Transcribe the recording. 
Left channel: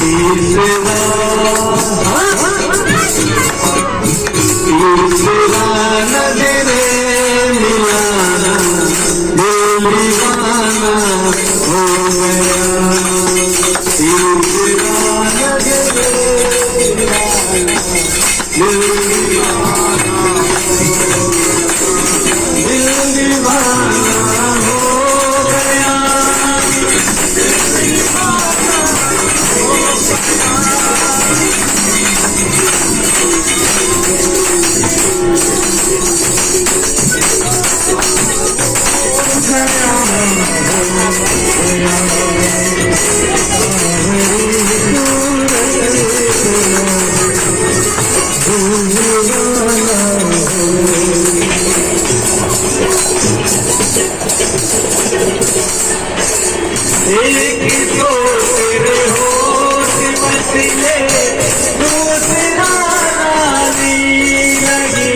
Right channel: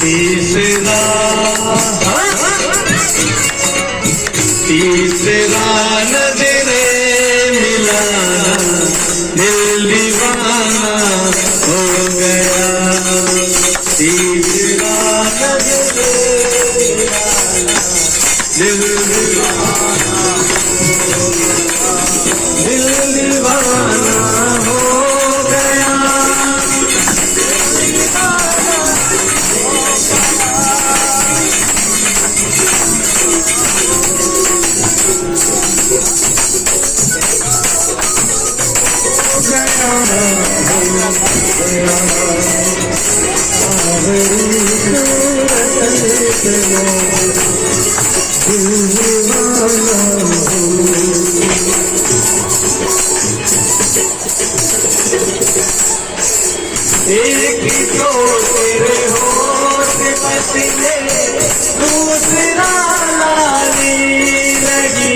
तीसरा तीसरा नजरे मिलाना दिल दीवाना हो गया तीसरा नजरे मिलाना दिल दीवाना हो गया एक तो तेरे होठ बसले दूसरा लाली लगी